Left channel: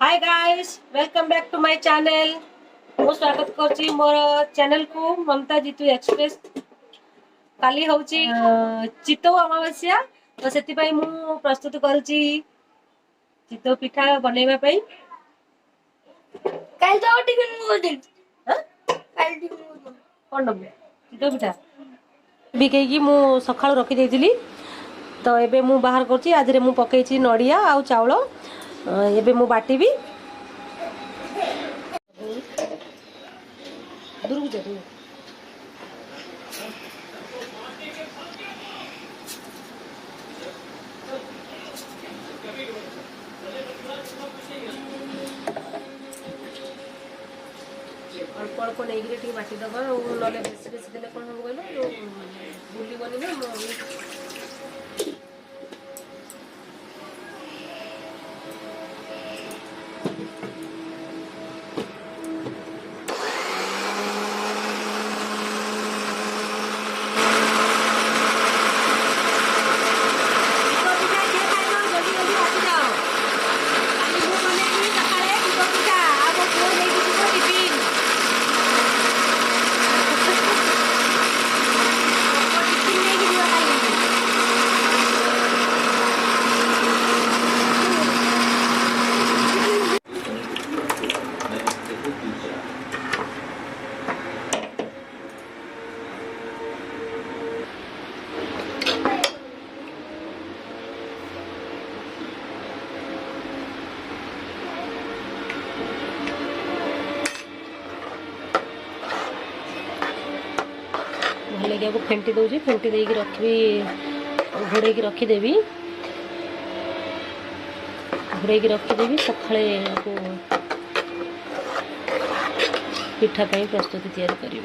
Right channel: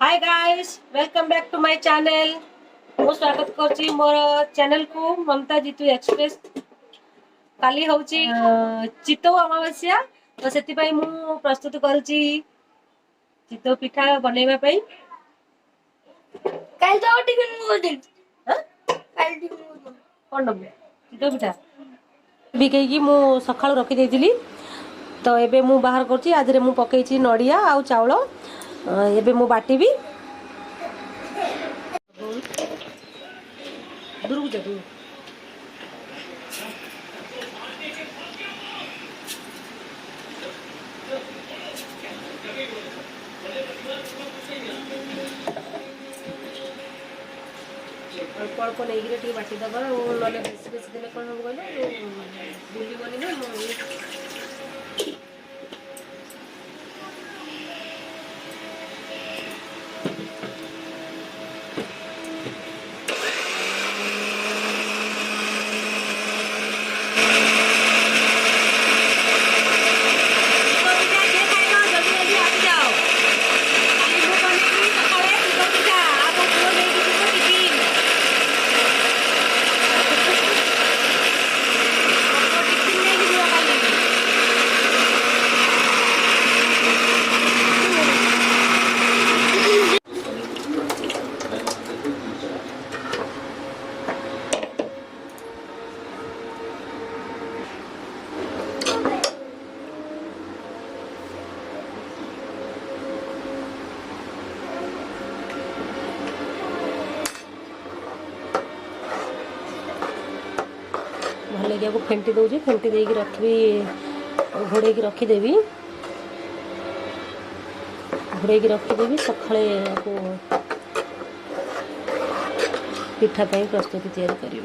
Hi guys, welcome back to my channel. मु स्वागत करची मोर चैनल को ममता जीतू एक्सप्रेस। काली होची चितौ अमावस्या, तो सेति पई मु प्रस्तुत करची चितौ पिठा बनैबा पई। काल तो टिफिन मु दिन हां काल टिफिन मु कोन दबु चितौ पिठा बिकेकी मु सखाळु रखि देइतिली। तो एबे मु बाहर करची। आज रे मु पकेइची नडिया आ चावल। एबे मु बाटीबी। दूर जा दूर अल्प अल्प नहीं बाटी दबा ना बेस बेस देने कौन हम कहल बुलबनी ना भल लगे आपको फेंटी दूसरी फेंटी देकी रखी घोड़े रखीदेवी रखीदेवी सकाଳେ आपको पिठा पाई प्रस्तुति तैयार करी।